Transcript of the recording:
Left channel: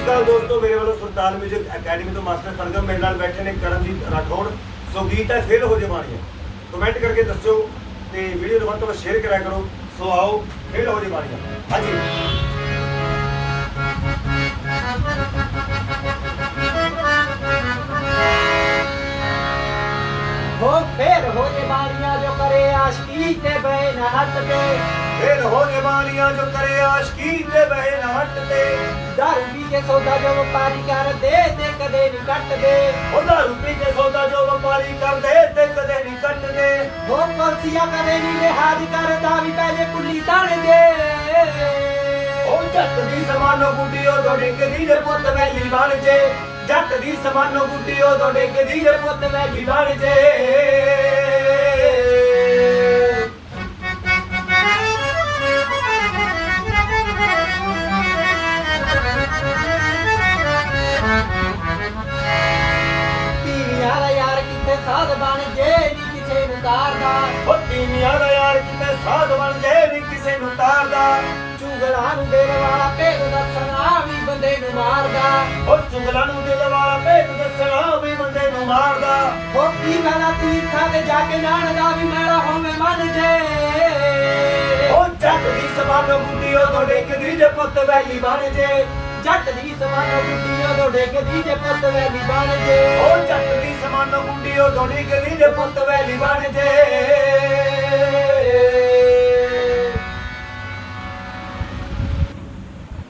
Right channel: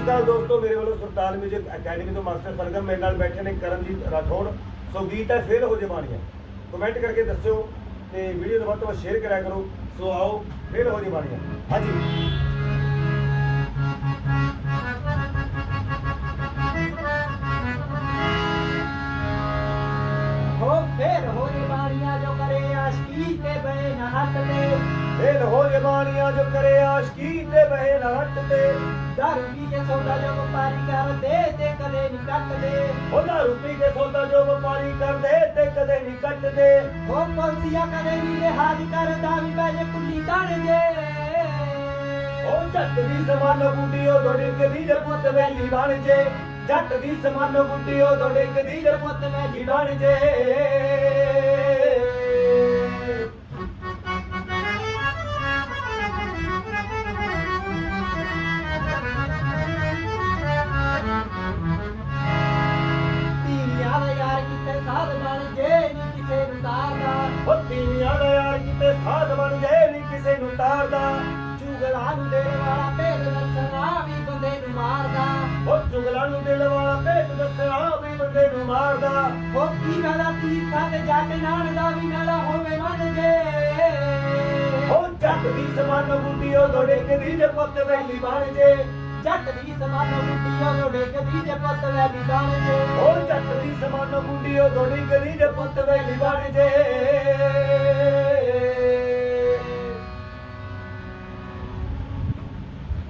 ਸ਼੍ਰੀ ਅਕਾਲ ਦੋਸਤੋ ਮੇਰੇ ਵੱਲੋਂ ਸੁਲਤਾਨ ਮਿਊਜ਼ਿਕ ਅਕੈਡਮੀ ਤੋਂ ਮਾਸਟਰ ਸਰਗਮ ਮੇਰੇ ਨਾਲ ਬੈਠੇ ਨੇ ਕਰਮਜੀਤ ਰਾਠੌੜ। ਸੋ ਗੀਤ ਹੈ ਫੇਲ ਹੋ ਜਵਾਨੀਆਂ ਕਮੈਂਟ ਕਰਕੇ ਦੱਸਿਓ ਤੇ ਵੀਡੀਓ ਨੂੰ ਵੱਧ ਤੋਂ ਵੱਧ ਸ਼ੇਅਰ ਕਰਿਆ ਕਰੋ। ਸੋ ਆਓ ਫੇਲ ਹੋ ਜਵਾਨੀਆਂ ਹਾਂਜੀ। ਹੋ ਫੇਰ ਹੋ ਜੇ ਬਾਣੀਆਂ ਜੋ ਕਰੇ ਆਸ਼ਕੀ ਤੇ ਬੈ ਨਾ ਹੱਟ ਤੇ। ਫੇਲ ਹੋ ਜਵਾਨੀਆਂ ਜੋ ਕਰੇ ਆਸ਼ਕੀ ਤੇ ਦਾਰੂ ਪੀ ਕੇ ਸੌਦਾ ਜੋ ਵਪਾਰੀ ਕਰਦੇ ਤੇ ਕਦੇ ਨਹੀਂ ਕੱਟਦੇ। ਉਹਦਾ ਰੁਪਈ ਦੇ ਸੌਦਾ ਜੋ ਵਪਾਰੀ ਕਰਦੇ ਤੇ ਕਦੇ ਨਹੀਂ ਕੱਟਦੇ। ਹੋ ਪਲਸੀਆ ਕਦੇ ਨਹੀਂ ਲਿਹਾਜ਼ ਕਰਦਾ ਵੀ ਪਹਿਲੇ ਕੁੱਲੀ ਤਾਣ ਦੇ ਉਹ ਜੱਟ ਦੀ ਸਮਾਨੋ ਗੁੱਡੀ ਉਹ ਦੋੜੇ ਕਦੀ ਜੇ ਪੁੱਤ ਵੈਲੀ ਬਣ ਜੇ। ਜੱਟ ਦੀ ਸਮਾਨੋ ਗੁੱਡੀ ਉਹ ਦੋੜੇ ਕਦੀ ਜੇ ਪੁੱਤ ਵੈਲੀ ਬਣ ਜੇ। ਕਿੱਥੇ ਸਾਧ ਬਣ ਜੇ ਨਹੀਂ ਕਿਸੇ ਨੂੰ ਤਾਰਦਾ ਉਹ ਤੀਵੀਆਂ ਦਾ ਯਾਰ ਕਿਤੇ ਸਾਧ ਬਣ ਜੇ ਵੀ ਕਿਸੇ ਨੂੰ ਤਾਰਦਾ ਚੁਗਲਾ ਨੂੰ ਦੇਣ ਵਾਲਾ ਭੇਦ ਦੱਸਣਾ ਵੀ ਬੰਦੇ ਨੂੰ ਮਾਰਦਾ। ਉਹ ਚੁਗਲਾਂ ਨੂੰ ਦਿਲ ਵਾਲਾ ਭੇਤ ਦੱਸਣਾ ਵੀ ਬੰਦੇ ਨੂੰ ਮਾਰਦਾ। ਹੋ ਕੀ ਗਲਾ ਤੀਰਥਾਂ ਤੇ ਜਾ ਕੇ ਨਾਣ ਦਾ ਵੀ ਮੈਲਾ ਹੋਵੇ ਮਨ ਜੇ। ਉਹ ਜੱਟ ਦੀ ਸਮਾਨੋ ਗੁੱਡੀ ਉਹ ਦੋੜੇ ਕਦੀ ਜੇ ਪੁੱਤ ਵੈਲੀ ਬਣ ਜੇ। ਜੱਟ ਦੀ ਸਮਾਨੋ ਗੋਡੇ ਕਦੀ ਜੇ ਪੁੱਤ ਵੈਲੀ ਬਣ ਜੇ। ਉਹ ਜੱਟ ਦੀ ਸਮਾਨੋ ਗੁੱਡੀ ਉਹ ਦੋੜੇ ਕਦੀ ਜੇ ਪੁੱਤ ਵੈਲੀ ਜੇ।